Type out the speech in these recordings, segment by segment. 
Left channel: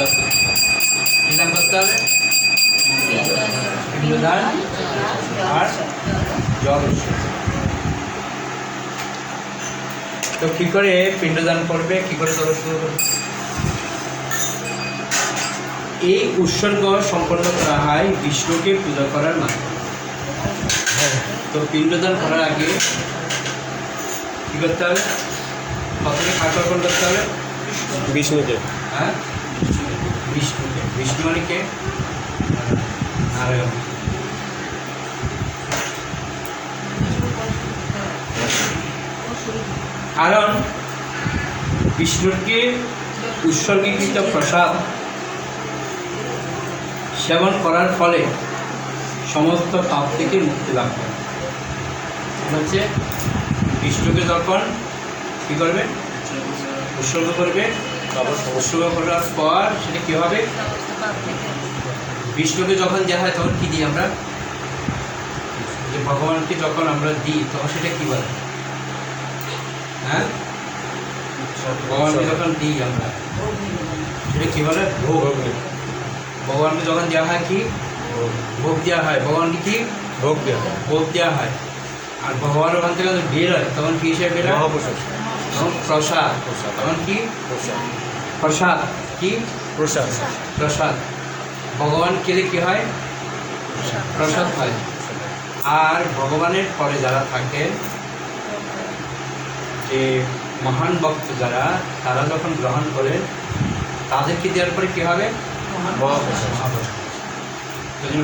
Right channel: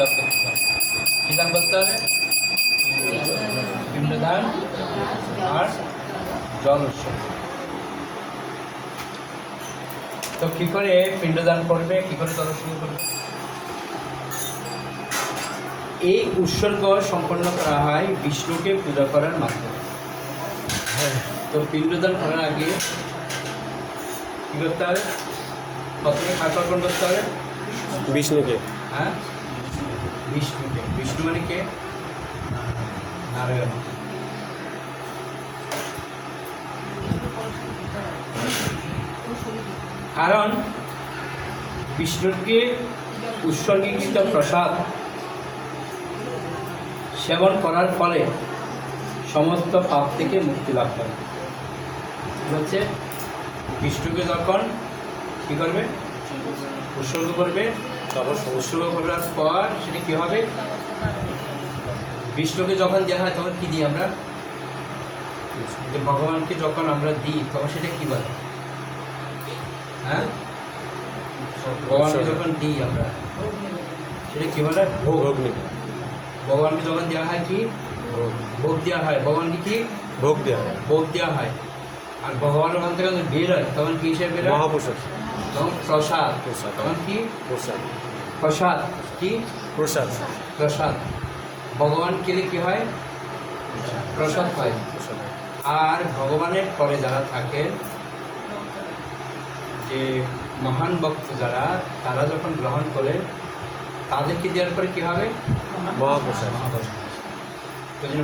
লাভ করতে হবে কী দান করতে হবে পিণ্ডদান আর জল উৎসর্গ তো কী করে পিণ্ডদান করবে? কী করে জল উৎসর্গ করবে এই উৎসর্গ সম্পন্ন করা হয় বিষ্ণুকে পূজা করার মাধ্যমে। তো পিণ্ডদান করার আগে কী করতে হবে? প্রথমে কাক করতে হবে? বিষ্ণুদেব। হ্যাঁ? বিষ্ণুকে বিষ্ণু মানে কে? নারায়ণ। কারণ বিষ্ণুকে উৎসর্গীকৃত প্রসাদ। সেবন করার ফলে সমস্ত পাপ থেকে মুক্তি লাভ করে হচ্ছে বিষ্ণুকে যখন কী করবে? উৎসর্গ করবে। পর সেটা কী হবে? বিষ্ণুকে যখন দেওয়া হয় তখন কী দিই আমরা? ভগবানকে যখন আমরা দিই তখন সেটা কী বলে? হ্যাঁ? ভগবানকে যখন দিই আমরা সেটা কী বলে? ভোগ। ভগবানকে যখন দেওয়া হয় কি? ভোগ দেওয়া হয়। ভগবানকে কি? ভোগ দেওয়া হয়। ভোগ দেওয়া হয়। আর ভগবান ওখান থেকে বের হয় তখন কী হিসেবে বের হয়? তখন প্রসাদ। প্রসাদ। তখন কি? প্রসাদ। প্রসাদ। কি? প্রসাদ। প্রসাদ। ভগবান কেলে কি হয়? প্রসাদ। হয়। আর ভগবানের পরে যারা থাকে যে মহান ভক্ত যারা তারা যখন গ্রহণ করেন তাদেরকে দেওয়ার পরে কী হবে?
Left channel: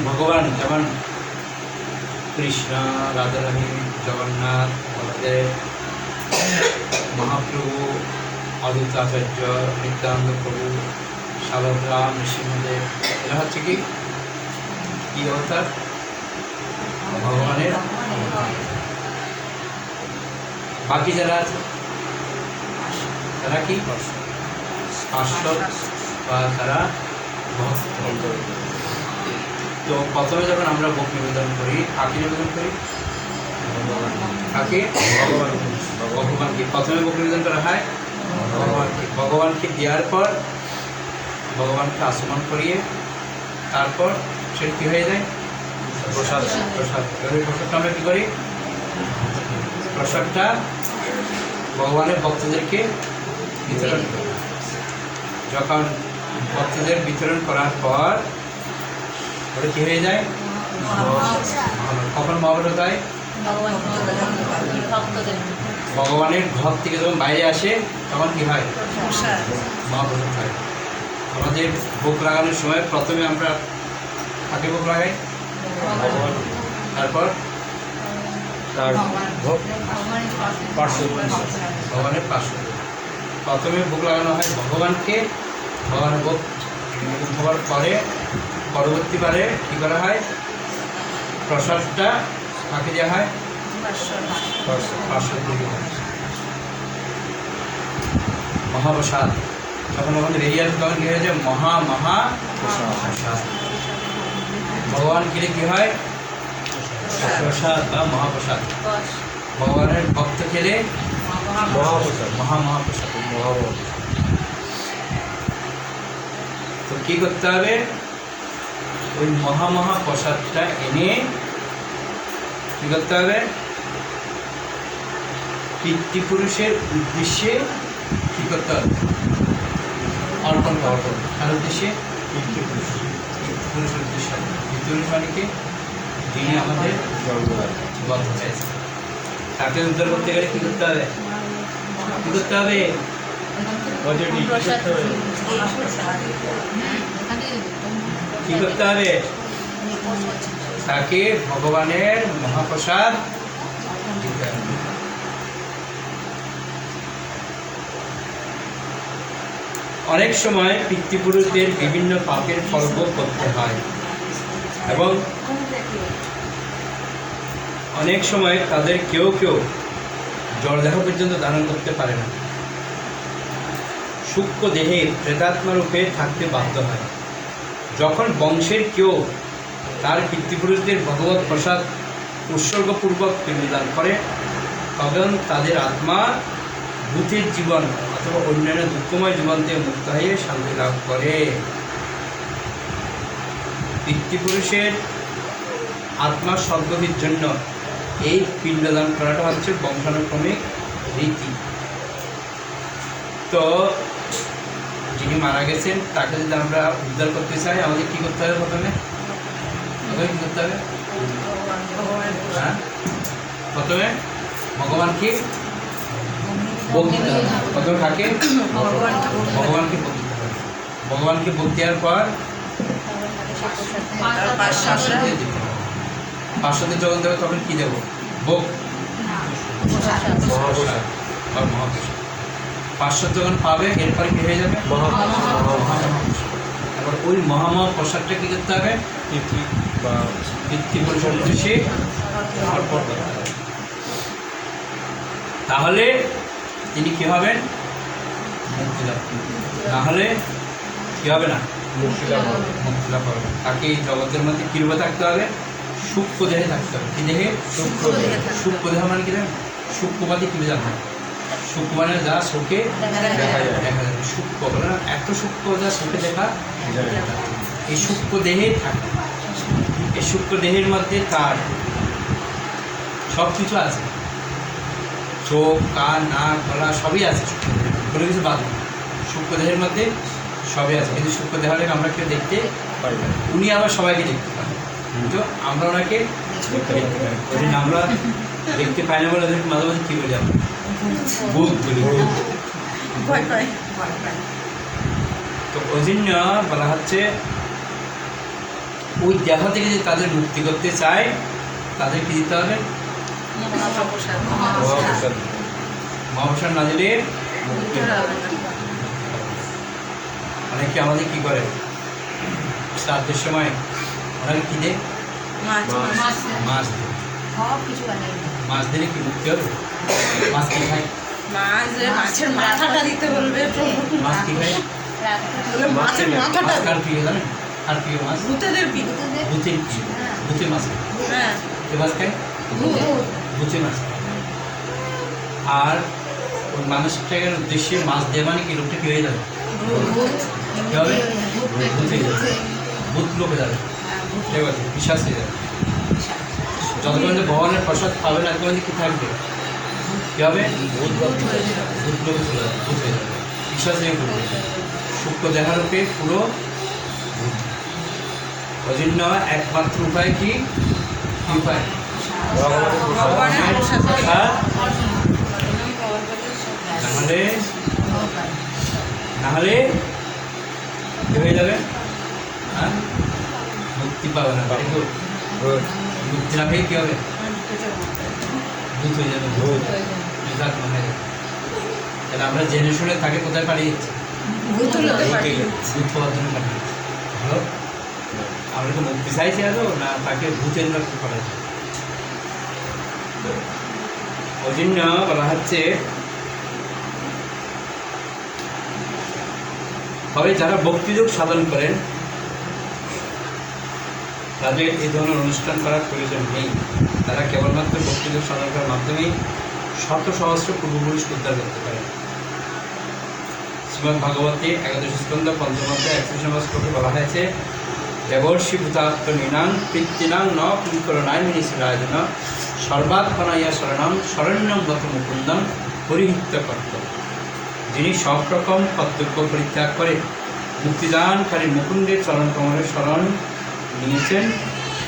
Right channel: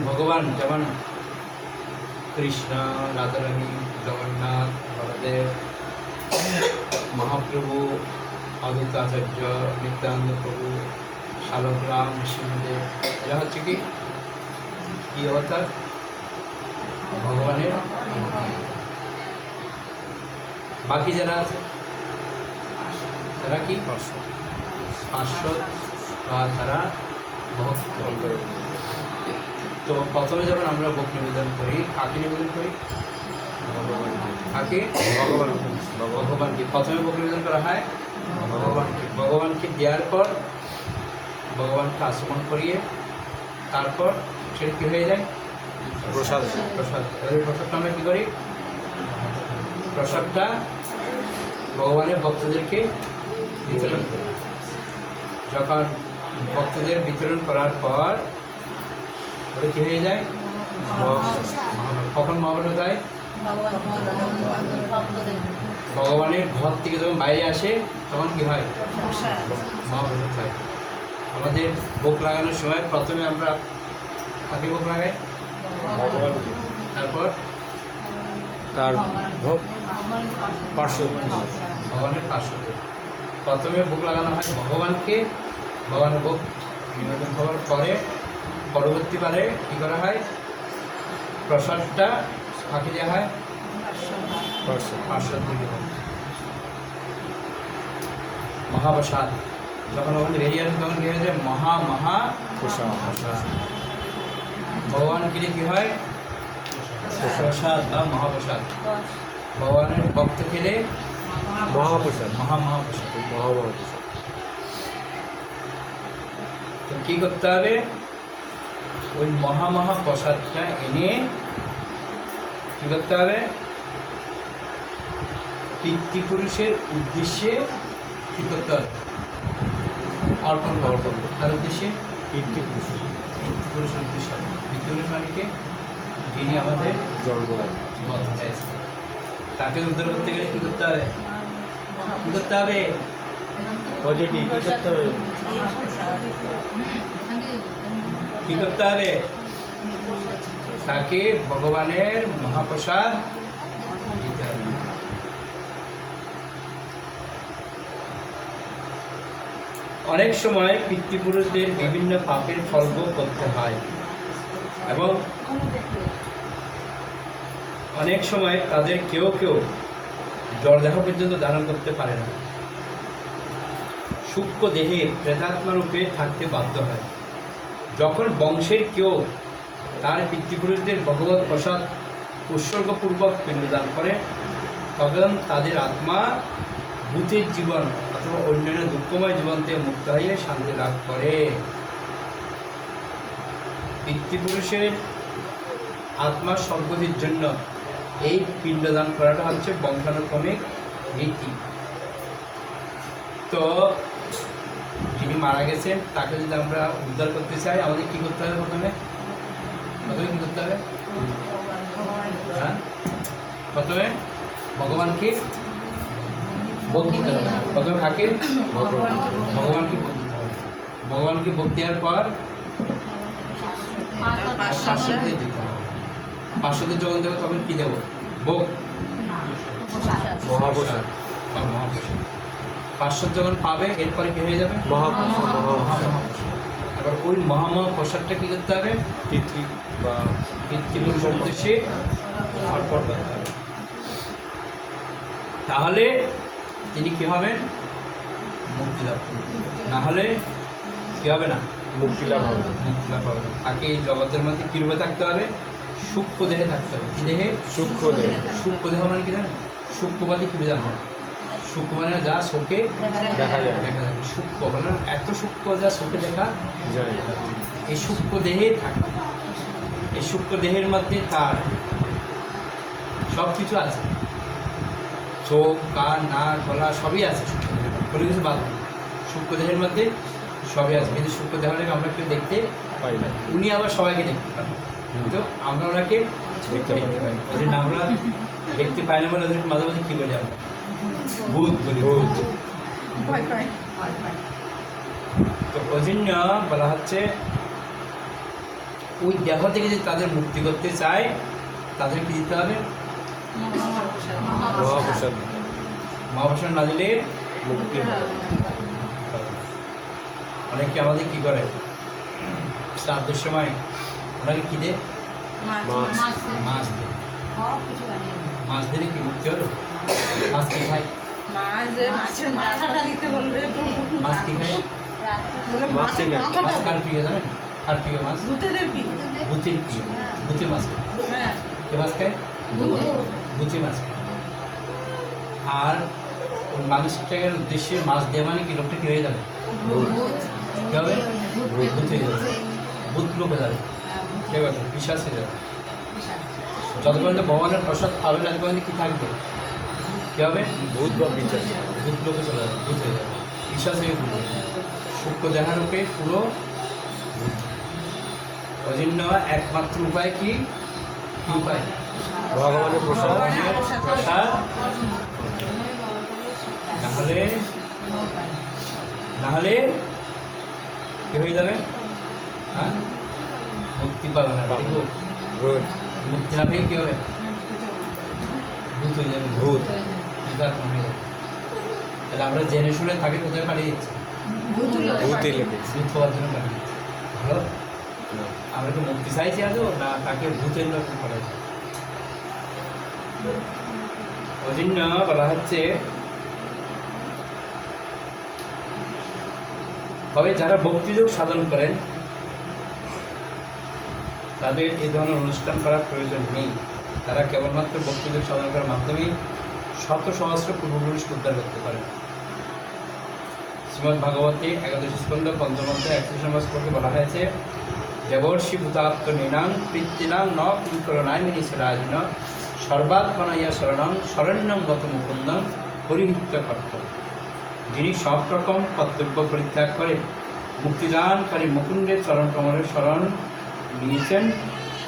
ভগবান যেমন কৃষ্ণ রাধারানী জগন্নাথ বলদেব মহাপ্রভু অদ্বৈত আচার্য নিত্যানন্দ প্রভু সাবরাম নৃসিংহদেব এরা হচ্ছে কি? কি অবতার? ভগবানের। বাকি যারা আছে, তারা কি? বা তারা তো প্রথমে যখন আমরা ভোগ নিবেদন করি, কাকে নিবেদন করি? কাকে? ভগবানকে। প্রথমে ভোগ নিবেদন করা হয় ভগবানকে ভগবানকে দেওয়ার পর ভগবানকে আসমন করিয়ে তারপর সেটা কী হয়ে যায়? প্রসাদ প্রসাদ এবার প্রসাদটা আমরা কী করি? প্রসাদটা ভগবানের ভক্তদেরকে বিতরণ যখন ভক্তদের বিতরণ করার পর ওটা কী হয়ে যায়? কখন মহাভারত হয়? ভগবানের ঘর থেকে যখন বাইরে আসে তখন কি হয়? মহাপ্রসাদ হয় আমাদের ভোগ লাগানোর সময় প্রথমে আমরা কাকে ভোগ লাগাই? তারপর? তার ভোগ। পার্শ্ব। ভগবানের পাশে প্রথমে ভোগ লাগানো হয় ভগবানকে। ভগবানের ভোগ হওয়ার পরে পরবর্তীবারে কী করা হয়? প্রসাদটা কাকে দেওয়া হয়? পার্শ্ব। পার্শ্বদ মহাপ্রসাদ। যখন আমাদের বেরিয়ে আসবে, তখন কী হয়েছে মহা মহা প্রসাদ। ভগবান খেলে কী হয়? প্রসাদ বা মহাপ্রসাদ। ভগবানের ভক্ত খেলে মহাপ্রসাদ, মহা, মহাপ্রসাদ মহাপ্রসাদ। তো কী করতে হবে? ওই মহা মহা প্রসাদটা এনে কী করতে হবে? পিতৃপুরুষের উদ্দেশ্যে কী করতে হবে অর্পণ হবে উদ্দেশ্যে মানে আমাদের হয়েছে তাকে উদ্ধার করতে গেলে কী করতে হবে? কী করতে হবে? করতে হবে? তাকে ভগবানের মহাপ্রসাদ দিতে হবে অনেক সময় পিতৃপুরুষদের বিভিন্ন পাপের ফল করতে হয়। এবং অনেক সময় তাদের কেউ কেউ জলদেহ পর্যন্ত ধারণ করতে পারে না। সূক্ষ্ম দেহে প্রেতাত্মা রূপে থাকতে বাধ্য হয়। যখন বংশের কেউ তার পিতৃপুরুষদের ভগবত প্রসাদ উৎসর্গপূর্বক পিণ্ডদান করে, তখন তাদের আত্মা ভূতের জীবন অথবা অন্যান্য দুঃখময় জীবন থেকে মুক্ত হয়ে শান্তি লাভ করে। পিতৃপুরুষের আত্মার সদ্গতির জন্য এই পিণ্ডদান করাটা হচ্ছে বংশানুক্রমিক রীতি। তো যিনি মারা গেছেন তাকে যদি আমরা উদ্ধার করতে চাই আমাদের কী করতে হবে প্রথমে? প্রথমে কী করতে হবে? হ্যাঁ? প্রথমে ভগবান কি হবে। প্রথমে কাকে ভগবানকে ভোগ ভগবানকে ভোগ দেওয়ার পর পার্শ্বদের দিতে হবে যখন দেবো তখন কী দেবো? ভোগ? মহাপ্রসাদ। বা মহাপ্রসাদ। পার্শ্বদ যখন পাবে, এরপরে কী হয়ে যাবে? এবার ওই মহামহাপ্রসাদটা কী করতে হবে? তিথি বা পিতৃপুরুষের উদ্দেশ্যে অর্পণ করতে হবে। তাহলে তিনি কী হবেন? মুক্তি লাভ করবেন। তাহলে কী হবে না? মুক্তি লাভ হবে। তাকে জগতের মধ্যে কীভাবে থাকতে হবে? সূক্ষ্ম দেহে থাকতে হবে। কি দেহে? সূক্ষ্ম দেহ মানে কি জানেন? সূক্ষ্মবাদী কি জানো সূক্ষ্ম মানে যা শোকে দেখা যায়। দেখা যায়। সূক্ষ্ম এত সূক্ষ্ম যা চোখে দেখা যায় এই সূক্ষ্ম দেহে থাকে এই সূক্ষ্ম দেহের মধ্যে তার সব কিছু আছে। চোখ কান নাক গলা সবই আছে সূক্ষ্ম দেহে কোনো কিছু বাদ নেই। সূক্ষ্ম দেহের মধ্যে সবই আছে। কিন্তু সূক্ষ্ম দেহটাকে আমরা কেউ দেখতে পাই না। উনি আবার সবাইকে দেখতে পান। কিন্তু আমরা ওনাকে আমরা দেখতে পাই না বলে ওদের মাঝে মাঝে কী বলি আমরা? ভূত বলি তো ওই জন্য বলা হচ্ছে ওই দেহ থেকে যে তাদের মুক্তি করতে চায় তাদের কি দিতে হবে মহাপ্রসাদ। দিতে হবে। মহাপ্রসাদ না দিলে মুক্তি হবে না। অনেকে আমাদের কি করে? শ্রাদ্ধের সময় ওনাকে কি দেয়? মাছ। মাছ। দিলে কি মুক্তি হবে? মাছ কি খায়? মাছের মাথাটা দিতে বলবে মাছ কি খায়? মাছের মাথাটা। মাছ কার প্রিয় জানেন? কার প্রিয় মাছ? ভূতেদের পিঠ ভূতের প্রিয়। ভূতে মাছ হ্যাঁ। মাছ খায়? ভূত ভূতে মাছ আর মানুষটাকে উদ্দেশ্যে মাছ দেওয়া মানে কি, লোকটা কি হয়ে যাবে? কি হবে? ভূতে লোকে যাবে। ঠিক আছে, বিশ্বাস হয়ে যাবে। যতক্ষণ ভগবানের প্রসাদ পাবে না ততক্ষণ কি থাকবে? কি হবে? ভূত লোকে চলে যাবে। ভূত হয়ে যাবে বিশ্বাস হয়ে করবে দেখার উপরে পুরো। ওই জন্য একমাত্র উপায় কি উপায়? নাহলে কি হয়ে যাবে হ্যাঁ মুক্তি পাবে না তাই তো? মুক্তি পেয়ে কী হবে ভূত হয়ে যাবে ভূত হয়ে যাবে তাহলে আমরা জেনে শুনে তাকে কোথায় পাঠিয়ে দিচ্ছি ভালো আমরা কি মুক্তি চাইছি এত না তাকে ভূতের লক্ষ্য করে ওই জন্য বলা হচ্ছে, তবে যারা ভক্তিযোগ সাধন করেন, তাদের এই ধরনের অনুষ্ঠান করার প্রয়োজন নেই। তারা কেবলমাত্র ভক্তিযোগ সাধন করার মাধ্যমেই শত সহস্র পূর্বপুরুষ উদ্ধার করতে পারে শ্রীমদ ভাগবতে একাদশ স্কন্ধ পঞ্চমধ্যায় একশো সমাজ করতে বলা হয়েছে, দেবর্ষি ভূতাত্ম নিনাং পিতৃনাং ন কুঙ্করণায় মিনিসরাজন সর্বাত্মনাইয়া শরণং শরণ্যং মত মুকুন্দং পরিহিত কর্ত যিনি সব রকম কর্তব্য পরিত্যাগ করে মুক্তিদানকারী মুকুন্দের চরণ কমলের শরণ নিয়েছেন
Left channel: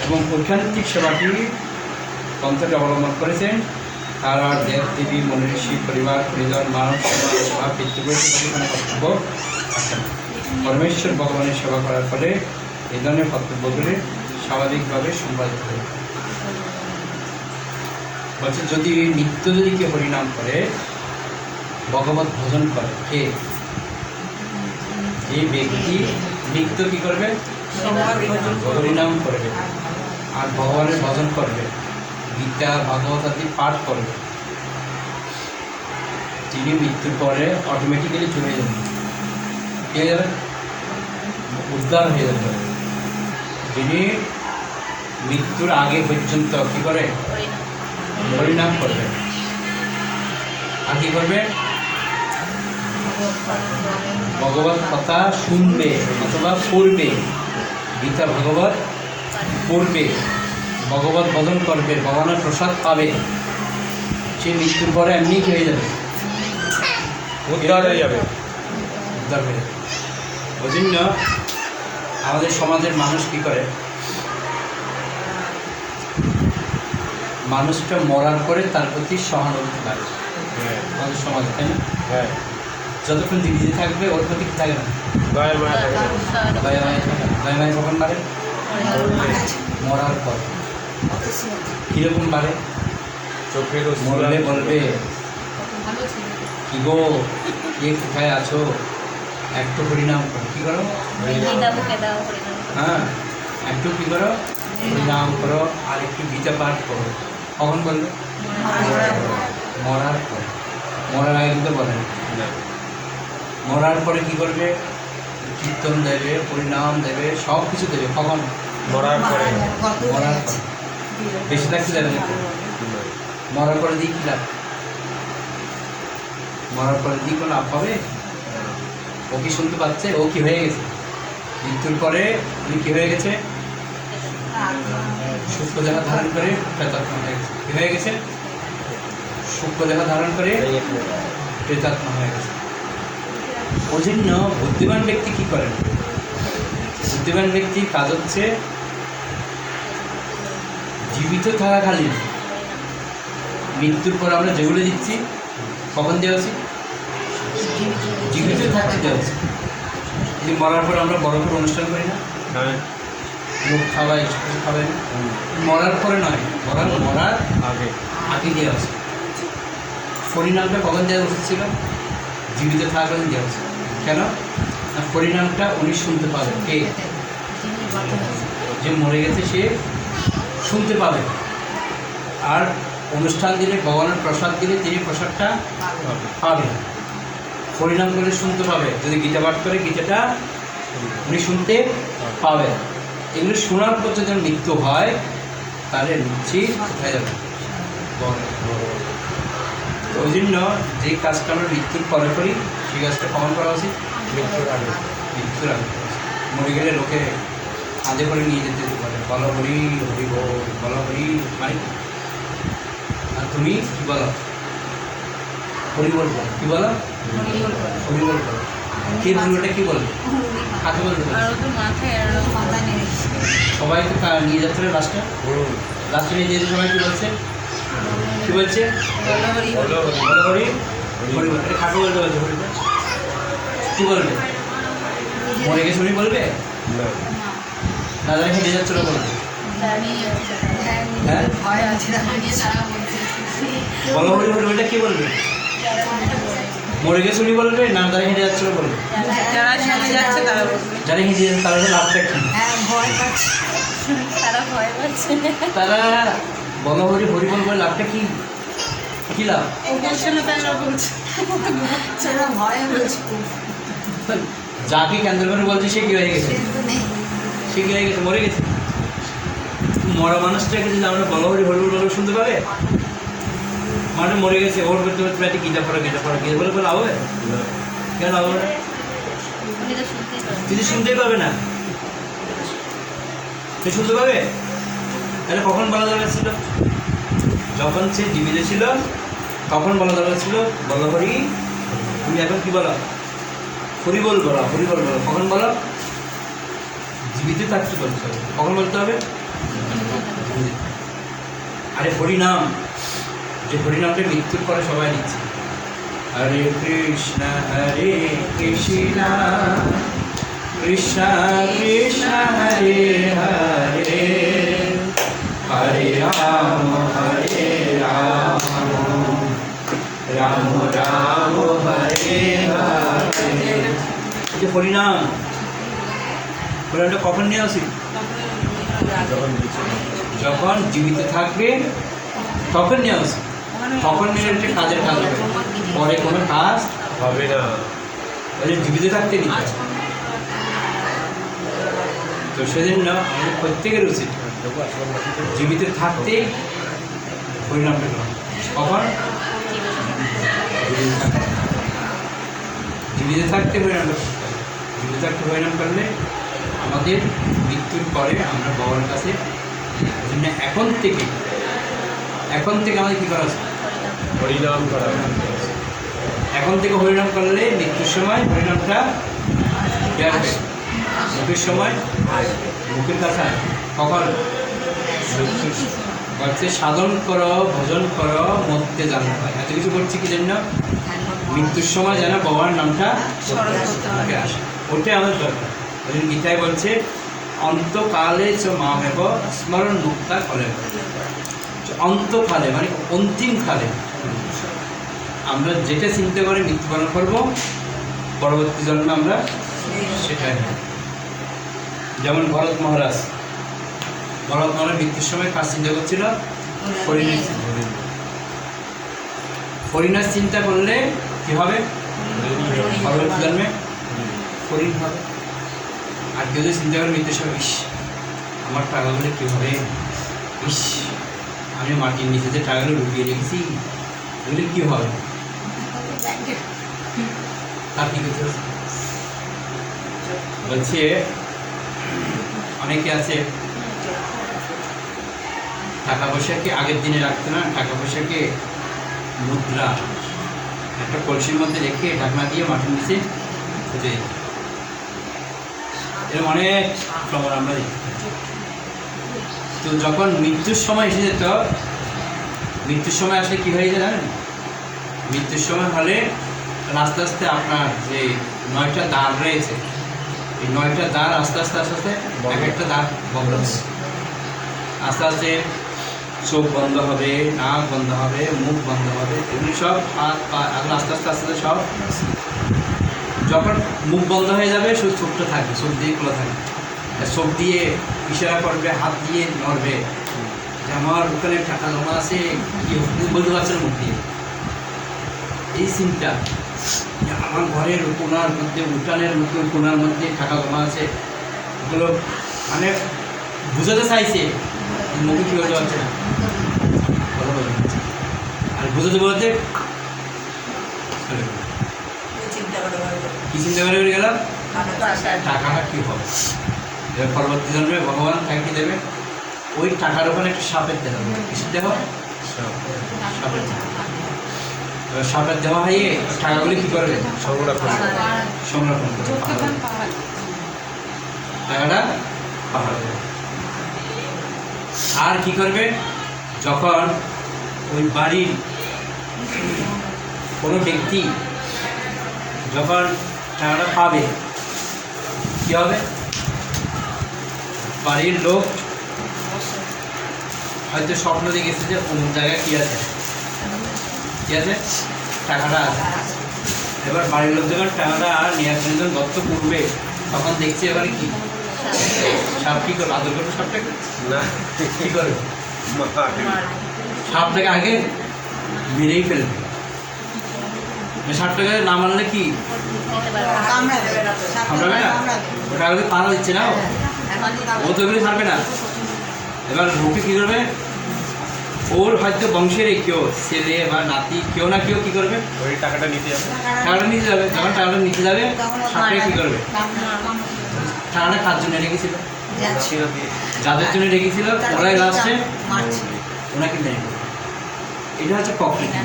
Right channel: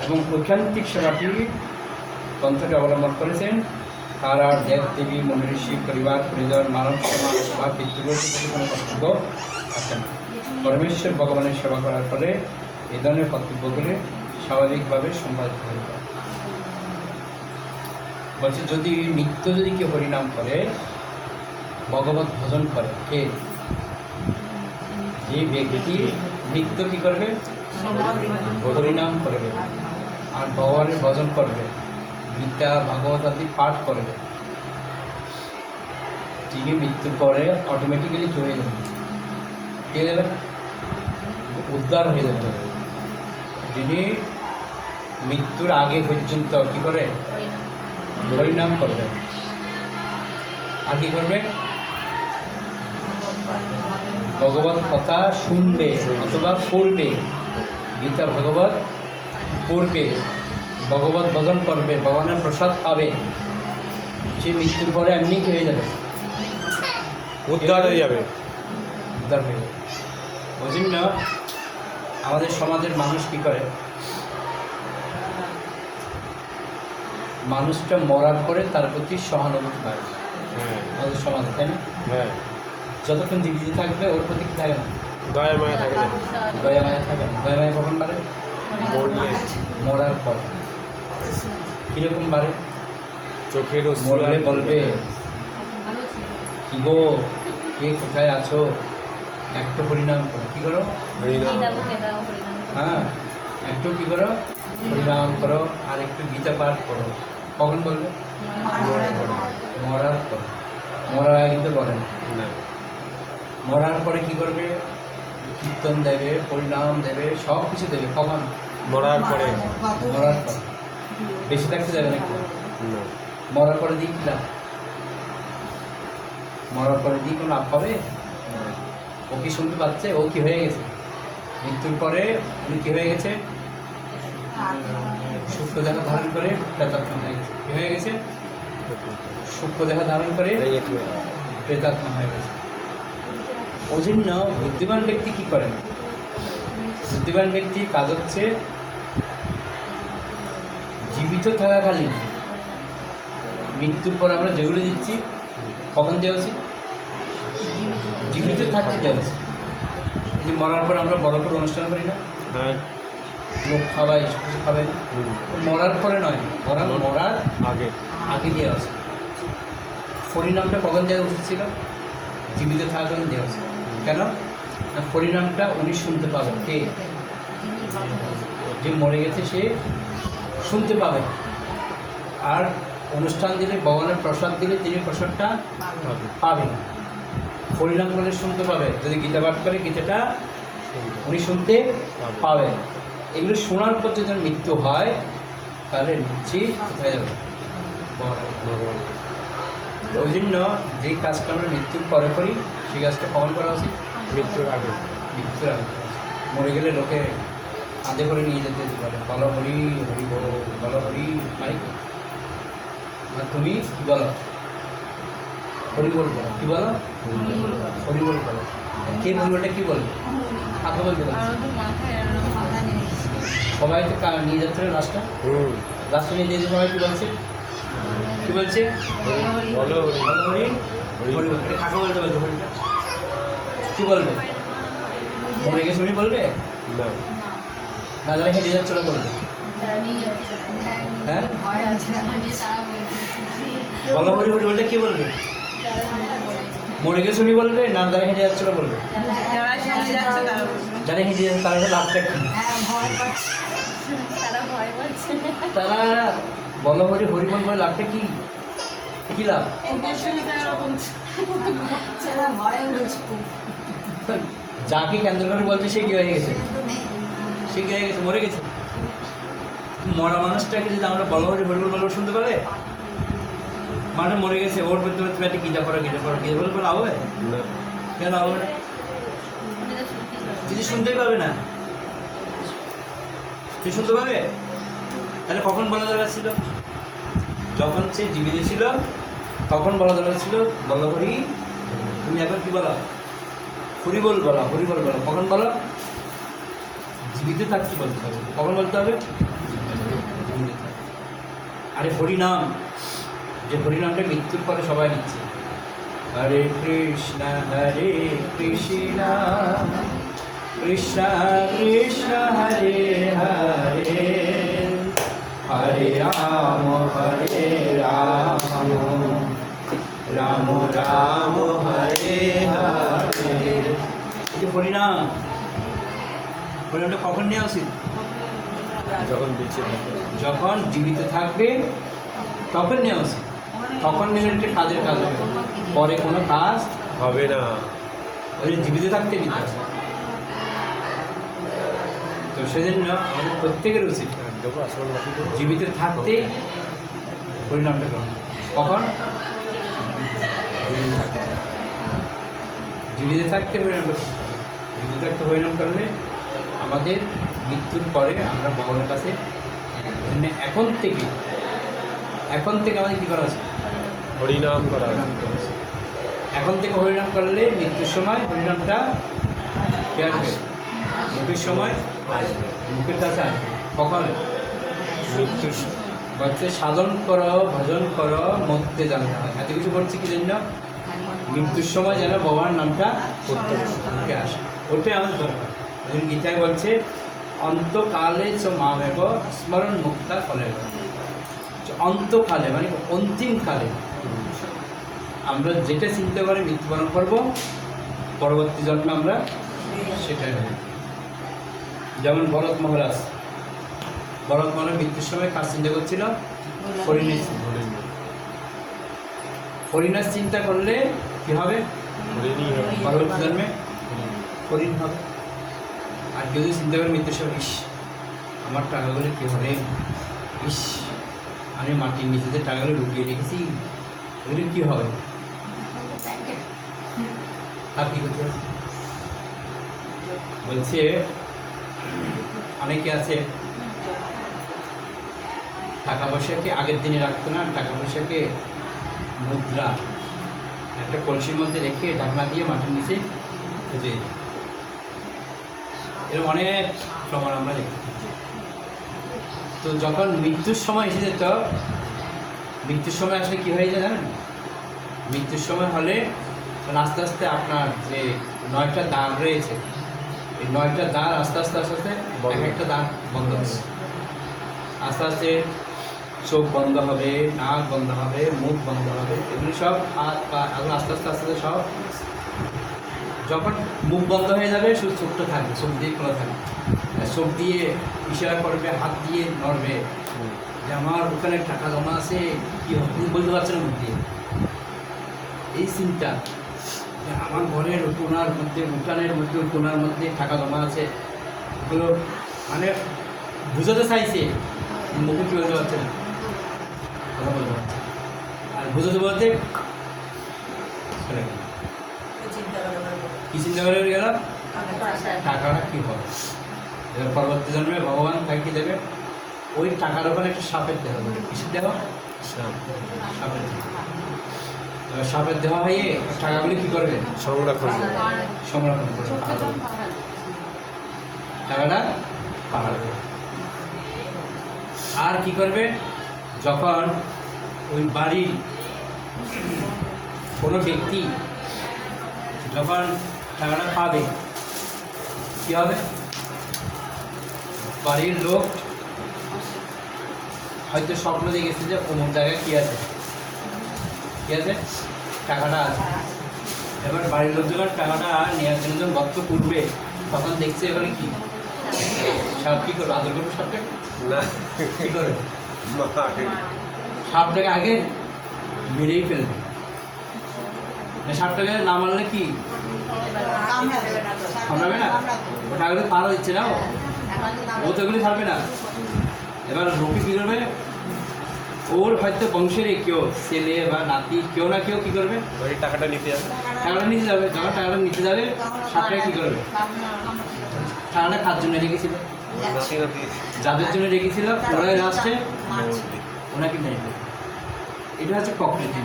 এবং ঐকান্তিক সেবাটি পন্থাটি অবলম্বন করেছেন, তারা দেব দেবী মনীষী পরিবার, পরিজন, মানব সেবা পিতৃপুরুষের কোনো কর্তব্য থাকে না পরমেশ্বর ভগবানের সেবা করার ফলে এই ধরনের কর্তব্যগুলি স্বাভাবিকভাবে সম্পাদিত হয়ে বলছে, যদি নিত্য যদি কেউ হরিনাম করে, ভগবত ভজন করে, কে? যে ব্যক্তি নিত্য কি করবে? হরিনাম করবে। আর ভগবানের ভজন করবে। গীতা, ভাগবত আদি পাঠ করবে। তিনি মৃত্যুর পরে অটোমেটিক্যালি চলে যাবেন কে উদ্ধার হয়ে যাবে। যিনি মৃত্যুর আগে পর্যন্ত কী করে? হরিনাম করবে। আর কী করবে? ভগবত কথা শুনবে অথবা পড়বে। গীতা ভগবত পড়বে। ভগবত ভজন করবে ভগবানের প্রসাদ পাবে। সে মৃত্যুর পরে এমনি খেয়ে যাবে। উদ্ধার হয়ে যাবে। উদ্ধার হয়ে যাবে। ওই জন্য আমাদের সমাজের মানুষ কী করে? মানুষটা মরার পরে তার প্রতি সহানুভূতি পায় হ্যাঁ। আমাদের সমাজে তাই না? হ্যাঁ। যতক্ষণ দিদি থাকবে ওর প্রতি কি থাকে না? দয়া মায়া থাকে। না। দয়া মায়া থাকে। না দয়া মায়া কখন বাড়ে? মরার পর। কীরকম বাড়ে? মরলে বলবে কি গো? কে কোথায় আছো? একটু হরিনাম করো। কী করো? হ্যাঁ। একটু কি করো? হরিনাম করো। আর একটু গীতা পাঠ করো। কখন বলবে মরার পর। মরার আগে কিন্তু বলেন। মরার পরে কি করবে? কীর্তন দেবে পরিণাম দেবে সব কিছু দেবে। কখন? মরার পরে। মরার পরে। বেশি থাকতে দেবে। মরার পরে দিয়ে কী লাভ? মরার পরে দিয়ে কোনো লাভ হবে? ও কি শুনতে পাচ্ছে? ও কি হয়ে গেছে? মৃত্যুর পরে উনি কি হয়ে গেছে? সূক্ষ্ম দেহা ধারণ করে প্রেতাত্মা হয়ে গেছে। কি হয়ে গেছে? সূক্ষ্ম দেহা ধারণ করে প্রেতাত্মা হয়ে গেছে। ওই জন্য বুদ্ধিমান ব্যক্তি কি করেন? বুদ্ধিমান ব্যক্তি কাজ হচ্ছে জীবিত থাকাকালীন। মৃত্যুর পর আমরা যেগুলো দিচ্ছি কখন দেওয়া উচিত জীবিত থাকতে দেওয়া উচিত মরার পর আমরা বড় করে অনুষ্ঠান করি না? মুখ খাওয়াই কিছু খাওয়াই মরার পরে নয় বরং মরার আগে আগে দেওয়া উচিত। হরিনামটা কখন দেওয়া উচিত ছিল? জীবিত থাকাকালীন দেওয়া উচিত। কেন? হরিনামটা উনি শুনতে পাবেন। কে? যে মরে গেছে সে শুনতে পাবে। আর অনুষ্ঠান দিলে ভগবানের প্রসাদ দিলে তিনি প্রসাদটা পাবেন। হরিনাম বলে শুনতে পাবে। যদি গীতা পাঠ করে, গীতাটা উনি শুনতে পাবেন। এগুলো শোনার পর যদি মৃত্যু হয় তাহলে নিশ্চিত হয়ে যাবে? ওই জন্য যে কাজটা আমরা মৃত্যুর পরে করি সেই কাজটা কখন করা উচিত? মৃত্যুর আগে মৃত্যুর আগে মরে গেলে লোকে কাঁধে করে নিয়ে যেতে পারে বলো হরি হরি বল বলো হরি। মানে আর তুমি কি বলো? হরি বল বলো। কি বলো। হরি বল বলো। বলবোটা কি বলবে? কাকে বলবে? সবাই তো নিয়ে যাচ্ছে না লাস্টটা হুম লাস্টে নিয়ে যেতে সবাই কি বলছে? কি বলছে? কাকে বলতে বলছে কি বলবে? মরে গেছে উনি বলবে? না। না হেঁটে যাচ্ছে ওরা বলবে। হ্যাঁ? বলো হরি হরি কি বলবে? মরে গেছে উনি বলবে না যারা হেঁটে যাচ্ছে ওরা বলবে। যারা শুনে যাচ্ছে তারা যারা হেঁটে যাচ্ছে তারা হলো লাভটা কি তারা বলো হরি হরি বল বলে লাভটা কি? কি লাভ? যাকে কেন্দ্র করে বলছে সে কি হয়ে গেছে? সে কি হয়ে গেছে? মরে গেছে? মরা মানুষটাকে যদি আমরা বলো হরি হরি বল শুনতে পাবে? মানে মরে গেছে ওর করতে করতে একটা গীতা পড়া গীতা পড়া গীতা বলে বলে হবে কেন হবে যদি শুনতেই পাবে। না। সে শুনতে পাবে? তাহলে কখন বলা দরকার ছিল? যখন সে জীবিত ছিল তখন বলা দরকার ছিল বলো হরি তুমি এখন কি বলো? হরিবল বলো হরিবল বলো কখন বলো? জীবিত থাকতে বলতে হবে? কখন বলতে হবে। আরে হরিনাম যে হরিনামটা মৃত্যুর পরে সবাই দিচ্ছে হরে কৃষ্ণ হরে কৃষ্ণ কৃষ্ণ কৃষ্ণ, হরে হরে। হরে রাম হরে রাম রাম রাম, হরে হরে। হরিনাম, হরিনামটা কখন নিয়ে উচিত? যখন জীবিত থাকবে, তখন নিয়ে উচিত। তখন একটা কাজের কাজ হবে পরে কোনো কাজ হবে না যে জীবিত থাকতে হবে। তো সেজন্য আমাদের প্রত্যেকের উচিত জীবিত থাকতেই পরিণাম কখন জীবিত থাকতে। থাকতে হবে। জীবিত থাকতে হরিনাম করলে আমাদের মৃত্যুর পরে আমরা বাবার কাছে এখন থেকে এখন থেকে আমাদের কী করা আছে হরিনাম করা। এখন থেকে হরিনাম করলে মৃত্যুর সময় হরিনামটা আসবে। মুখের সময় মুখের কাছে কখন? বলছে, সাধন করো, ভজন করো মধ্যে জানতে হয় এত কিছু করছি কি জন্য? মৃত্যুর সময় যেন ভগবানের নামটা মুখে আসে। ওটাই আমাদের দরকার ওই জন্য গীতায় বলছে, অন্তকালে চ মামেব স্মরণ মুক্তা কলে অন্তকালে মানে অন্তিম কালে। আমরা যেটা চিন্তা করে মৃত্যুবরণ করব, পরবর্তী জন্মে আমরা সেটাই নেব। যেমন ভরত মহারাজ ভরত মহারাজ মৃত্যুর সময় কাজ চিন্তা করছিল? হরিণের চিন্তা। চিন্তা করলে কি হবে? পরবর্তী জন্মে হরিণ হবে। আর কেউ যদি চিন্তা করে মৃত্যুর সময়, ইস, আমার টাকাগুলো কী হবে? ইস, আমি মাটির নিচে যে টাকাগুলো লুকিয়ে রেখেছি। এগুলো কী হবে? তার কী করতে? বলছে, অনেকে আছে, টাকা পয়সাকে আগের দিনে রাখতো না টাকা পয়সাকে মুদ্রা একটা কলসির মধ্যে রেখে ঢাকনা দিয়ে মাটির নিচে খুঁজে। এরকম অনেক প্রমাণ আমরা তো যখন মৃত্যুর সময় এসে যেত, মৃত্যুর সময় আসলে কী হয়ে যায় জানেন মৃত্যুর সময় হলে আস্তে আস্তে আপনার যে নয়টা দ্বার রয়েছে, এই নয়টা দ্বার আস্তে আস্তে আস্তে আস্তে এক একটা দ্বার বন্ধ হচ্ছে আস্তে আস্তে চোখ বন্ধ হবে, নাক বন্ধ হবে, মুখ বন্ধ হবে, এগুলি সব হাত পা আস্তে আস্তে আস্তে সব যখন মুখ বন্ধ হয়ে যাবে, শুধু চোখটা থাকবে, চোখ দিয়ে খোলা থাকবে। চোখ দিয়ে ইশারা করবে, হাত দিয়ে নড়বে যে আমার ওখানে টাকা জমা আছে, কি বলতে পারছে না মুখ দিয়ে? এই চিন্তা আমার ঘরের কোনার মধ্যে উঠানের মধ্যে কোনার মধ্যে টাকা জমা আছে। এগুলো মানে বুঝাতে চাইছে মুখে কী বলতে পারছে না। কথা বলতে পারছে আর বুঝাতে বলতে কি চিন্তা করে গেলাম? টাকাটা কী হবে? এবার পরবর্তী জন্মে ভগবান তাকে কি দেবে? ওই টাকার ওখানে একটা সাপের কিসের দেওয়া হবে? সাপের দেওয়া এবার সাপের দেওয়া হয়ে টাকাগুলি কী করবে? সংরক্ষণ। সংরক্ষণ করবে টাকাটা পাহাড়। আর কি করবে? যখন ওই বাড়ির কোনো ব্যক্তি যখন টাকাটা পাবে কী হবে? বাড়ির লোক হয়তো স্বপ্ন দেখেছে যে অমুক জায়গায় কী আছে। কী আছে? টাকাটা আছে। এবার বাড়ির লোক যখন টাকাটা নেওয়ার যখন গর্ত করবে তখন দেখছে এখানে কি? সাপ কী করবে আদর করবে সাপটাকে? না। কী করবে। সাপটাকে আগে মেরেই ফেলবে। সাপটাকে না মারলে কি? কামড়াবে না? ওটা আগে পাড়া দিচ্ছে না ও? ও তো এগুলি ছাড়বে না। এবার লোকে কী করবে? ওর হয়তো বংশের কেউ ছেলে বা নাতি কেউ না কেউ কি করবে? ওই টাকাটা নিতে আসে টাকাটা নিতে যাবে যখন টাকাটা নিতে যাবে সাপটা কী করবে? টাকাটা কার জন্য রেখেছিল? যাদের জন্য রেখেছিল ওরাই লাস্টে ওনাকে মেরে এটা হচ্ছে প্রকৃতি।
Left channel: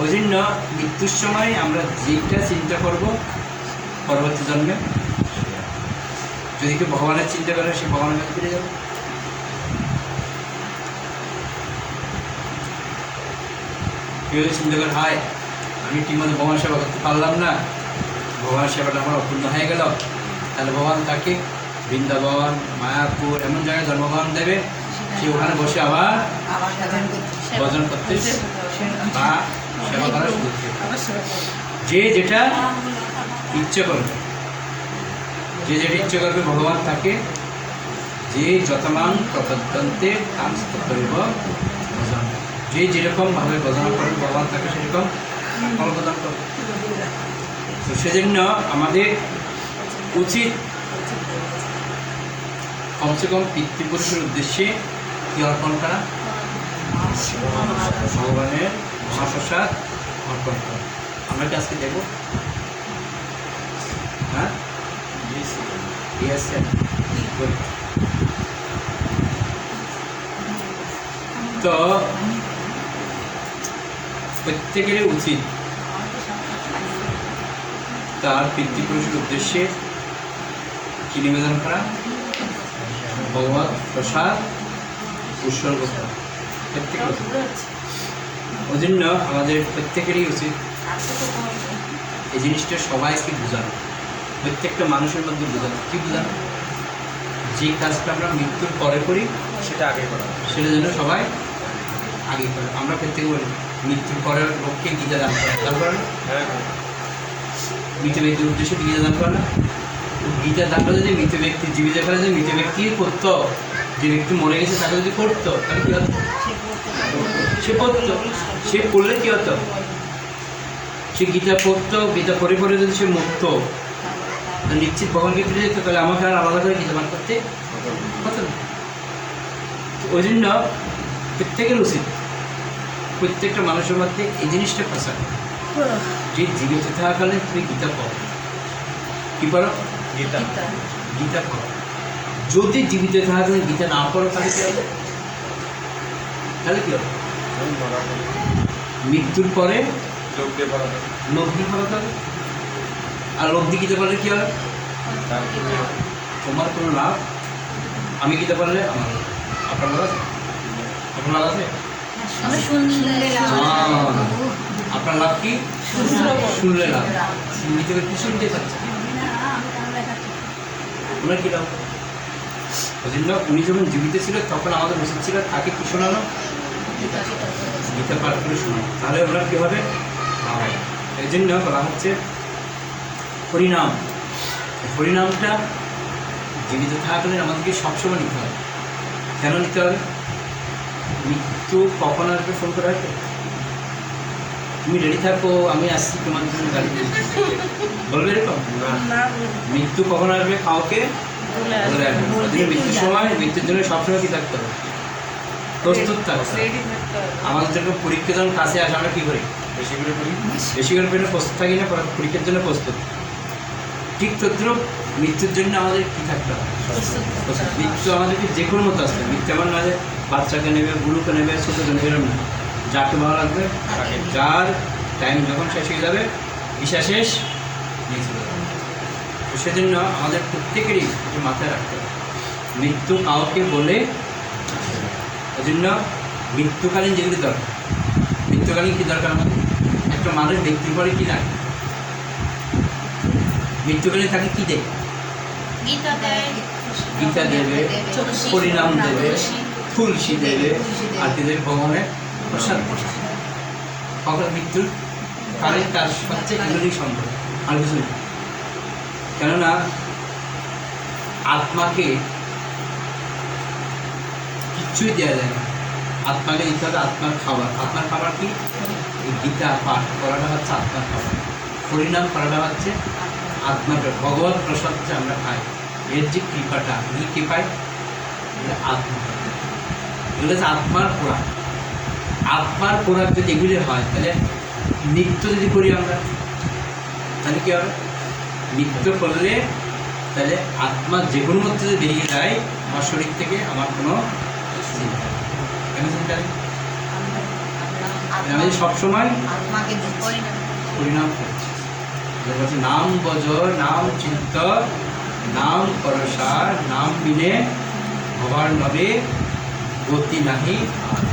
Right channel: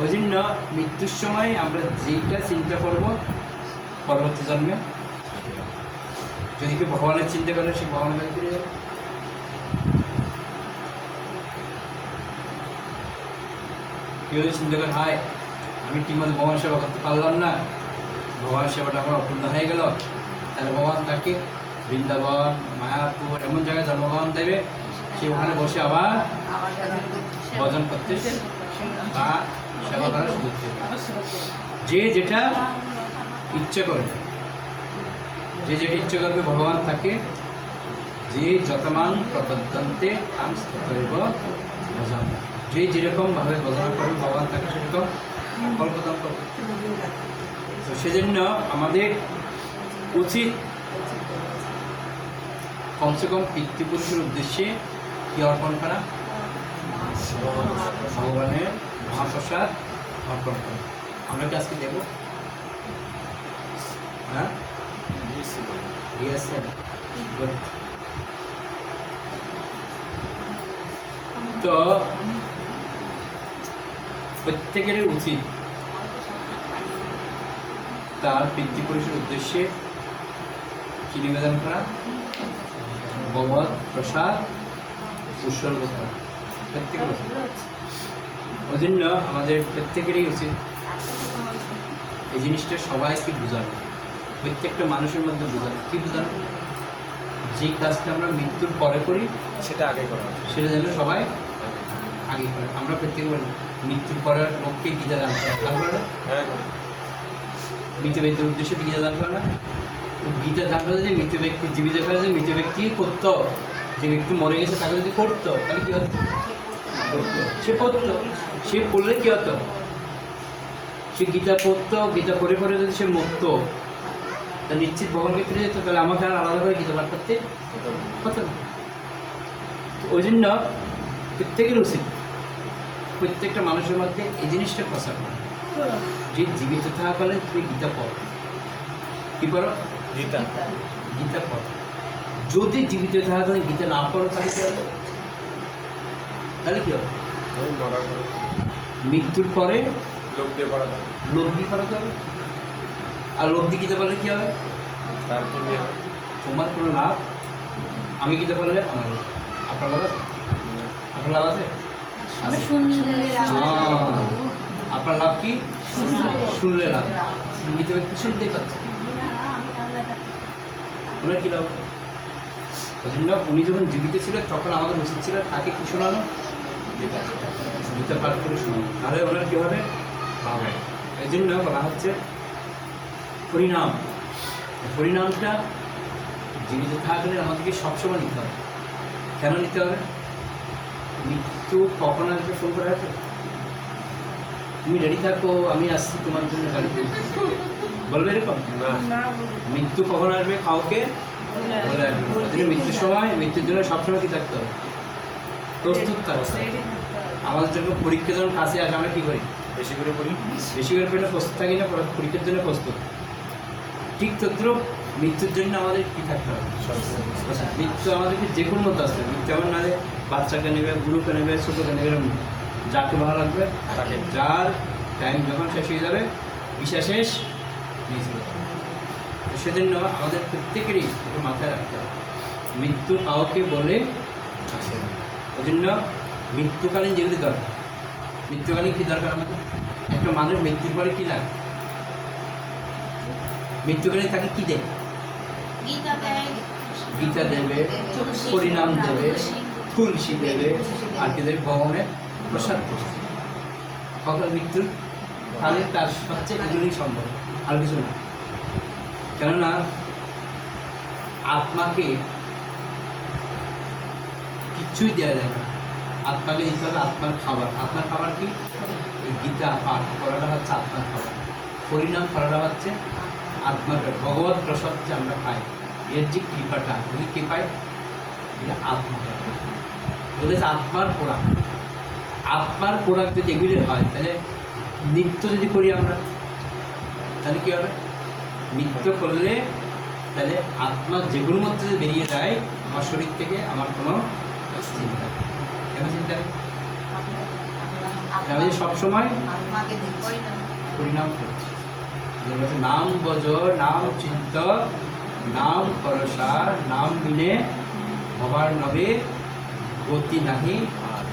ওই জন্য মৃত্যুর সময় আমরা যেটা চিন্তা করব পরবর্তী জন্মে যদি কেউ ভগবানের চিন্তা করে সে ভগবানের কাছে ফিরে যাবে। কেউ যদি চিন্তা করে হায় আমি ঠিকমতো ভগবান সেবা করতে পারলাম না। ভগবান সেবাটা আমার অপূর্ণ হয়ে গেল। তাহলে ভগবান তাকে বৃন্দাবন মায়াপুর এমন জায়গায় জন্মগ্রহণ দেবে সে ওখানে বসে আবার ভজন করতে বা সেবা করার সুযোগ যে যেটা ইচ্ছে করবে যে যেটা ইচ্ছে করবে ভগবান তাকে যে যতমান প্রতদ্যন্তে কাঞ্চিত করিব যে যেরকমভাবে ভজন করবে ভগবান তাকে সেরকম ফল প্রদান করবে তো সেজন্য আমাদের উচিত কমসে কম পিতৃপুরুষের উদ্দেশ্যে কি অর্পণ করা? ভগবানের মহাপ্রসাদ অর্পণ করা। আমরা কি আজকে দেবো? হ্যাঁ. তো প্রত্যেকেরই উচিত তার পিতৃপুরুষের উদ্দেশ্যে কি নিবেদন করা? ভগবান প্রসাদ উৎসর্গ করা ওই জন্য আমাদের প্রত্যেকেরই উচিত এই জিনিসটা সবাইকে বোঝানো। প্রত্যেকটা মানুষের মধ্যে বোঝানো। কি বোঝানো? যে কাজটা আমরা মৃত্যুর পরে করি সেটা আগে করা। সেটা যেন সবাই আগে করে। আমরা প্রত্যেকে বলি, মৃত্যুর পরের লোককে গীতা দান করে। দান করে না? হ্যাঁ। মৃত ব্যক্তির উদ্দেশ্যে গীতা দান করে না? গীতা দানটা যে মৃত ব্যক্তি জীবিত করে যে মৃত ব্যক্তি করতো, যে ব্যক্তি মরে গেছে তাকে যদি করতো, তাহলে কী হতো? সে পড়তো সে পড়লে কী হতো? সে গীতা পড়তো, গীতা পড়ে পড়ে যদি সে মুক্ত নিশ্চিত ভগবানকে ফিরে যেত, তাহলে আমাকে আর আলাদা করে গীতা পাঠ করতে হতো না। ওই জন্য প্রত্যেকের উচিত প্রত্যেকটা মানুষের মধ্যে এই জিনিসটা প্রচার করা। যে জীবিত থাকাকালে তুমি গীতা পড়ো। কী পড়ো? গীতা। গীতা। পড়ো। যদি জীবিত থাকাকালে গীতা না পড়ো তাহলে কী হবে? তাহলে কী হবে? মৃত্যুর পরে লব্ধি পড়াতে হবে। আর লব্ধি গীতা পড়লে কী হবে? তারপরে তোমার কোনো লাভ? আমি গীতা পড়লে আমার আপনার লাভ? লাভ আছে আপনার লাভ কি শুনলে লাভ মৃত ব্যক্তি শুনতে পাচ্ছে ওনার কী ওই জন্য উনি যখন জীবিত ছিল তখন আমাদের উচিত ছিল তাকে কি শোনানো গীতা গীতা পাঠ করে শোনানো তাহলে ওনার কী হবে এই জন্য বলা হচ্ছে হরিনাম হরিনামটা জীবিত থাকলে আমাদেরকে সবসময় নিতে হবে কেন নিতে হবে মৃত্যু কখন আসবে ফোন করে? আসবে তুমি রেডি থাকো আমি আসছি তোমার কিছু গাড়ি বলবে এরকম? না। না মৃত্যু কখন আসবে? কাউকে? না। জন্য মৃত্যুর সময় মৃত্যুর জন্য সবসময় কি থাকতে হবে? প্রস্তুত থাকতে আমাদের জন্য পরীক্ষা যখন কাছে আসে আমরা কী করি? বেশি করে বেশি করে পেলে প্রস্তুত থাকি না পরীক্ষার জন্য প্রস্তুত। ঠিক তদ্রুপ মৃত্যুর জন্য আমাদের কী থাকতে হবে? মৃত্যু আমাদেরকে যে কোনো মতো আসবে মৃত্যু নয় যে বাচ্চাকে নেবে বুড়োকে নেবে ছোটোকে নেবে এরকম না। যাকে ভালো লাগবে তাকে। যার টাইম যখন শেষ হয়ে যাবে ঈশা শেষ নিয়ে চলে যাবে। তো সেজন্য আমাদের প্রত্যেকেরই একটু মাথায় রাখতে হবে। মৃত্যু কাউকে বলে ওই জন্য মৃত্যুকালীন যেগুলি দরকার মৃত্যুকালীন কী দরকার আমাদের? একটা মানুষ মৃত্যুর পরে কী লাগে মৃত্যুকালীন তাকে কী দেয়? গীতা দেবে গীতা দেবে পরিণাম দেবে। তুলসী দেবে আর দেবে ভগবানের প্রসাদ দেবে। মৃত্যুর কালে তার সবচেয়ে এগুলি সম্ভব আর কিছু না। কেননা আত্মাকে কিচ্ছুই দেওয়া যায় না। আত্মাকে দিতে হবে আত্মার খাবার। আত্মার খাবার কি? গীতা পাঠ করাটা হচ্ছে আত্মার খাবার। হরিনাম করাটা হচ্ছে আত্মার ভগবান প্রসাদ আমরা খাই, এর যে কৃপাটা এগুলো কী পাই আত্মা এগুলো হচ্ছে আত্মার পোড়াক আত্মার পোড়াক যদি এগুলি হয় তাহলে নিত্য যদি করি আমরা তাহলে কী হবে? নিত্য করলে তাহলে আত্মা যে কোনো মধ্যে যদি বেরিয়ে যায় আমার শরীর থেকে আমার কোনো চিন্তা। কেন চিন্তা নেই? আমি সবসময় আত্মাকে পরিণাম করছি। নাম বজ নাম চিন্ত নাম করসার নাম বিনে ভবার নবে গতি নাহি আর।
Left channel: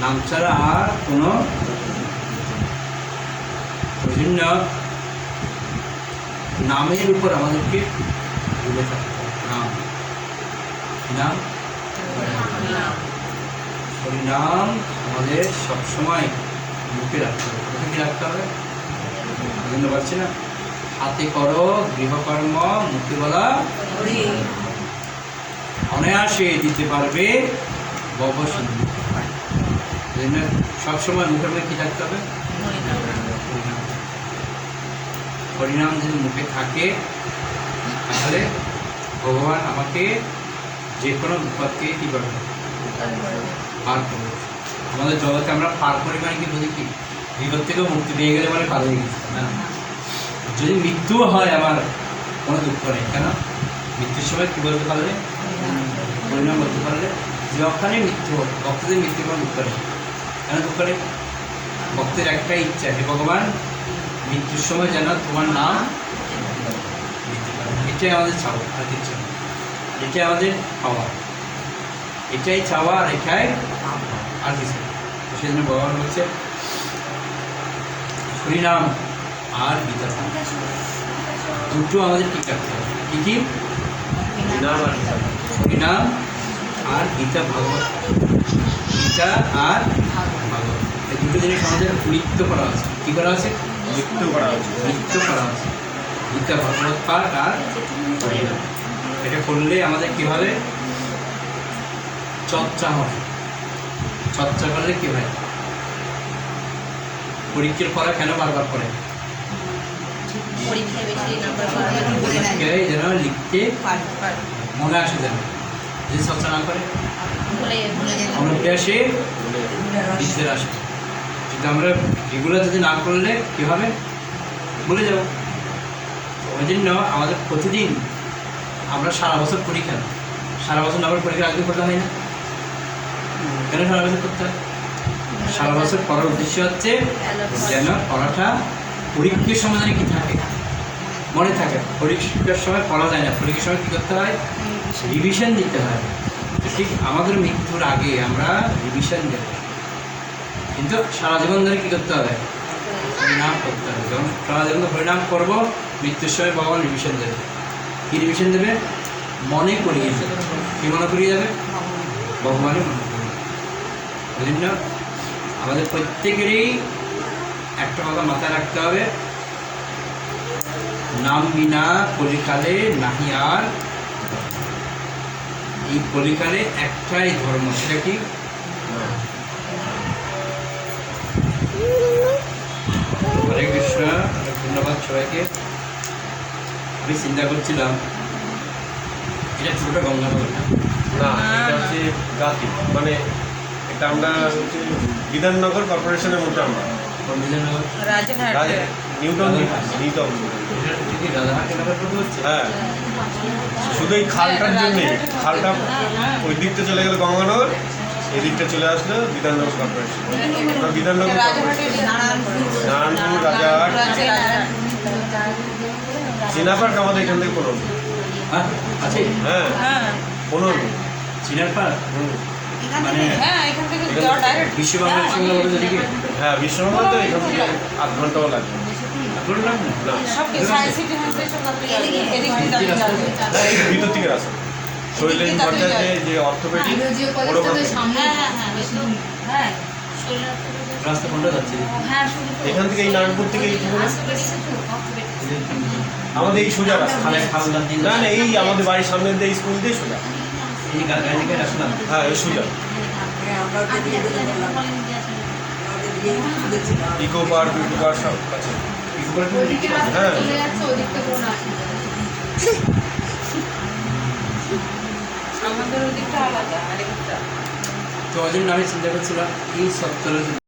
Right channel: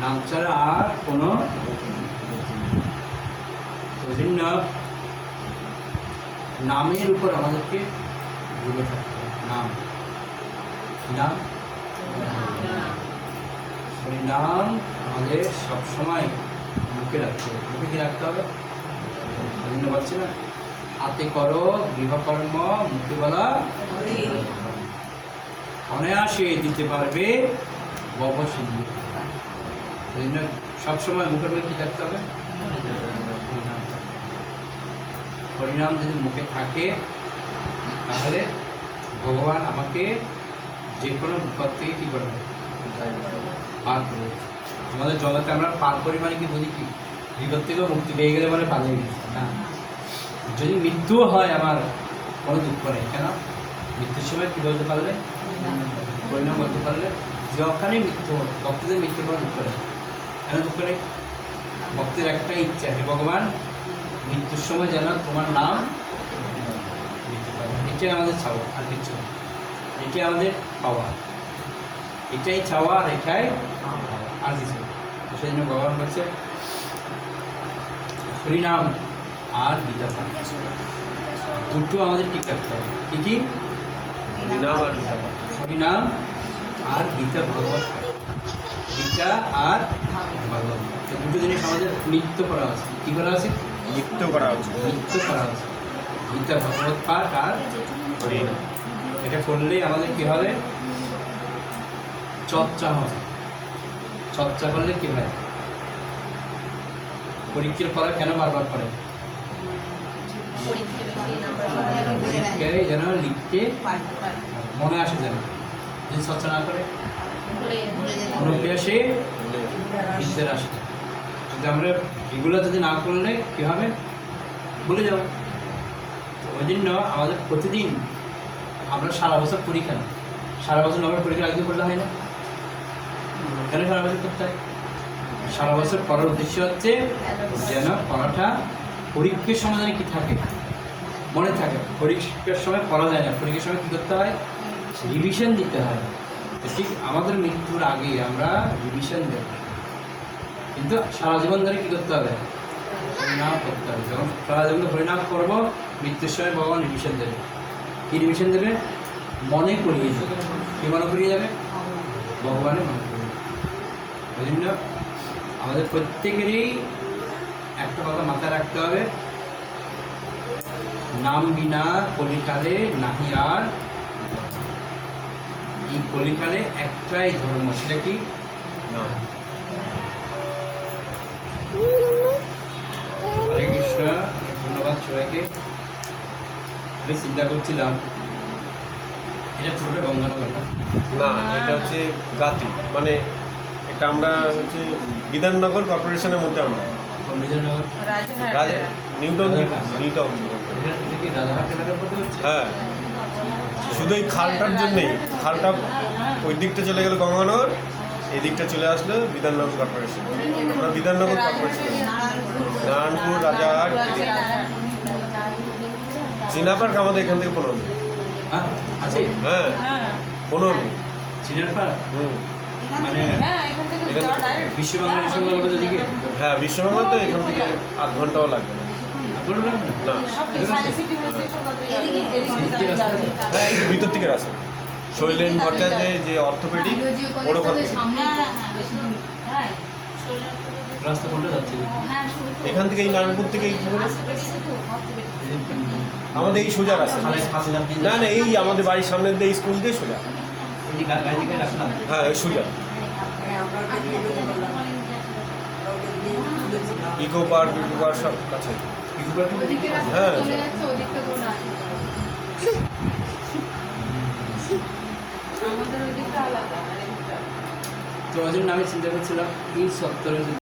নাম ছাড়া আর কোনো জন্য নামের উপর আমাদেরকে ডুবে থাকতে। নাম। কি নাম? আমাদের সবসময় মুখে রাখতে হবে। মুখে কি রাখতে হবে? বুঝতে পারছি না হাতে করো গৃহকর্ম মুখে বলা অনায়াসে দিতে পারবে বব সিন্ধু। এই জন্য সবসময় মুখের মধ্যে কী থাকতে হবে। হরিনাম যদি মুখে থাকে, তাহলে ভগবান আমাকে যে কোনো বিপদ থেকে কী করবে? পার করবে। আমাদের জগতে আমরা পার করি মানে কি বুঝি কি? বিপদ থেকেও মুক্তি পেয়ে গেলে পার হয়ে গেছে না? যদি মৃত্যুও হয় আমার, কোনো দুঃখ নেই, কেন? মৃত্যুর সময় কী বলতে পারলে? পরিণাম বলতে পারলে যখনই মৃত্যু হোক ভক্তদের মৃত্যু কোনো দুঃখ নেই। কেন দুঃখ নেই? ভক্তের একটাই ইচ্ছা হে ভগবান মৃত্যুর সময় যেন তোমার নাম এটাই আমাদের চাওয়া আর কিছু এটাই আমাদের পাওয়া। এটাই চাওয়া আর এটাই আর কিছু সেই জন্য ভগবান বলছে হরিনাম আর গীতা দুটো আমাদের ঠিক রাখতে হবে। কি কি? হরিনাম আর গীতা ভাগবত। গীতা আর ভাগবত। এই দুটো জিনিস আমাদের নৃত্য করা আছে। কী করা আছে? মৃত্যু করা হচ্ছে নৃত্য করা আছে। গীতা ভাগবত পাঠ আর এটা করলে আমাদের কী হবে? চর্চা হবে। চর্চা করলে কী হয়? পরীক্ষার পড়া কেন বারবার পড়ে? পরীক্ষায় বেশি নাম্বার পরীক্ষায় যেন লিখতে মনে আসে যেন। যদি চর্চা না করে? অনুপ্রিয়াসে বিদ্যের আসে কিন্তু আমরা রেগুলার যদি না করলে কী হবে? ভুলে যাব। ওই জন্য আমাদের প্রতিদিন আমরা সারা বছর পড়ি কেন সারা বছর না পড়ে পরীক্ষার আগে পড়তে হয় না। কেন সারা বছর করতে হয়? সারা বছর পড়ার উদ্দেশ্য হচ্ছে যেন পড়াটা পরীক্ষার সমাধানে কি থাকে? মনে থাকে, পরীক্ষার সময় পড়া যায় না। পরীক্ষার সময় কী করতে হয়? রিভিশন দিতে হয়। ঠিক আমাদের মৃত্যুর আগে আমরা রিভিশন দেব। কিন্তু সারা জীবন ধরে কী করতে হবে? হরিনাম করতে হবে। যখন সারা জীবন হরিনাম করব, মৃত্যুর সময় ভগবান রিভিশন দেবে। কী রিভিশন দেবে? মনে করিয়ে দেবে। কী মনে করিয়ে দেবে? ভগবানই মনে করিয়ে ওই জন্য আমাদের প্রত্যেকেরই একটা কথা মাথায় রাখতে হবে। নাম বিনা কলিকালে নাহি আর। এই কলিকালে একটাই ধর্ম সেটা কি? হরে কৃষ্ণ ধন্যবাদ সবাইকে। আমি চিন্তা করছিলাম এটা পুরোটা গঙ্গানগর না না এটা হচ্ছে গাতি মানে এটা আমরা বিধাননগর কর্পোরেশনের মধ্যে আমরা। পন্ডিতনগর রাজারহাট রাজা নিউটন নিউটন হ্যাঁ। শুধু এই খালটার জন্যে খালটা ওই দিকটা চলে গেল গঙ্গানগর এই দিকটা চলে আসলো বিধাননগর কর্পোরেশন। বিধাননগর নারায়ণপুর রাজারহাট। চীনা পার্ক আমাদের এখান থেকে পনেরো হ্যাঁ আছে। হ্যাঁ পনেরো চিনার পাড় হুম। মানে হ্যাঁ বিশ্ববাংলা বিশ্ববাংলা হ্যাঁ তো এখান থেকে আধ ঘন্টাও লাগবে। ভিতর থেকে রাস্তা যে অর্থোপেডিক হ্যাঁ হ্যাঁ হ্যাঁ বেশ তো হ্যাঁ। শরীর রাস্তা কোনটা যাচ্ছে? হ্যাঁ এখান থেকে এই নারায়ণপুর থেকে আমাদের এই সোজা রাস্তা। না না এই আমাদের বাড়ির সামনে দিয়ে স্কুল দিয়ে সোজা। এই গা- গাড়ি থেকে রাখলাম হ্যাঁ এই সোজা। ইকো পার্ক ইকো পার্ক সব আছে। আমাদের ওদিকটা আলাদা আরেকটা। তো ওই জন্য আমি চিন্তা করছিলাম এই সত্তর